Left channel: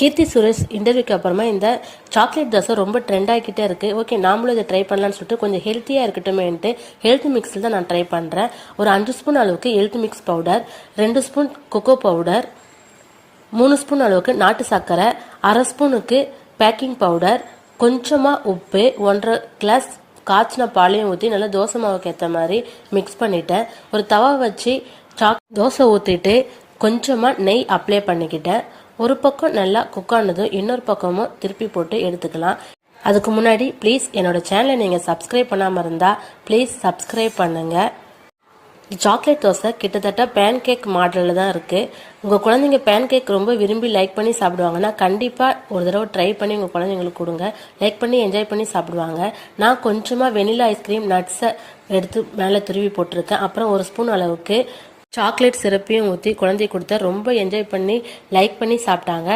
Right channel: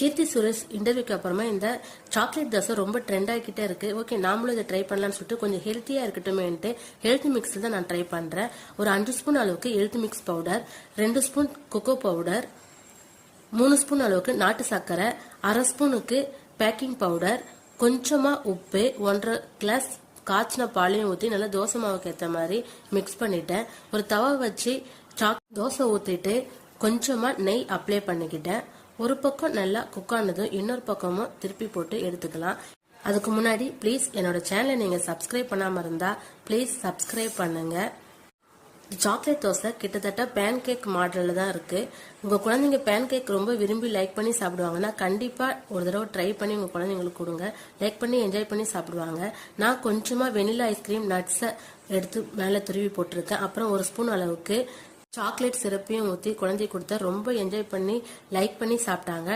கீர்த்தி சுரேஷ் இன்டர்வியூக்கு அப்புறமா இந்த சாக்லேட் தோசை ரொம்ப ட்ரெண்ட் ஆகிக்கிட்டே இருக்குது. ஓகே, நாமளும் இதை ட்ரை பண்ணலான்னு சொல்லிட்டு கொஞ்சம் ஹெல்த்தியாக இருக்கட்டுமேன்ட்டு ஹெல்த் மிக்ஸில் தான் நான் ட்ரை பண்ணுறேன். ஒரு 5 ஸ்பூன் அளவுக்கு health mix powder, 2 spoon cocoa powder, 3 spoon அளவுக்கு நாட்டு சர்க்கரை, 1/2 ஸ்பூனுக்கு பேக்கிங் பவுடர், கொஞ்சமாக உப்பு, 1.5 கிளாஸ் காய்ச்சின பாலையும் ஊற்றி நல்லா தோசை மாவுக்கு ஏற்ற மாதிரி மிக்ஸ் பண்ணிட்டேன். ஒரு தவா வச்சு தோசை ஊற்றிட்டு கொஞ்சமாக நெய் அப்ளை பண்ணிக்கிட்டேன். ஒரு பக்கம் நல்லா குக் ஆனதும் இன்னொரு பக்கமும் திருப்பி போட்டு எடுத்துக்கலாம். அதுக்கு முன்னாடி ப்ளீஸ் என்னோட சேனலை நீங்கள் சப்ஸ்கிரைப் பண்ணாமல் இருந்தால் ப்ளீஸ் சப்ஸ்கிரைப் பண்ணுங்கள். சாக்லேட் தோசை கிட்டத்தட்ட பேன் கேக் மாடலில் தான் இருக்குது. உங்கள் குழந்தைங்க பேன் கேக் ரொம்ப விரும்பி லைக் பண்ணி சாப்பிடுவாங்கன்னா கண்டிப்பாக ஒரு தடவை ட்ரை பண்ணி உங்கள் குழந்தைங்களுக்கு கொடுங்க. லைக் பண்ணி என்ஜாய் பண்ணி சாப்பிடுவாங்க. நான் கொஞ்சமாக வெனிலா ஐஸ்கிரீம் நட்ஸை எடுத்து மேலே துருவி போட்டிருக்கேன். அப்புறம் 1 ஸ்பூன் அளவுக்கு சாக்லேட் சிரப்பையும் ஊற்றி குழந்தை கொடுத்தா ரொம்ப என்ஜாய் பண்ணி லைக் பண்ணி சாப்பிட்டாங்க.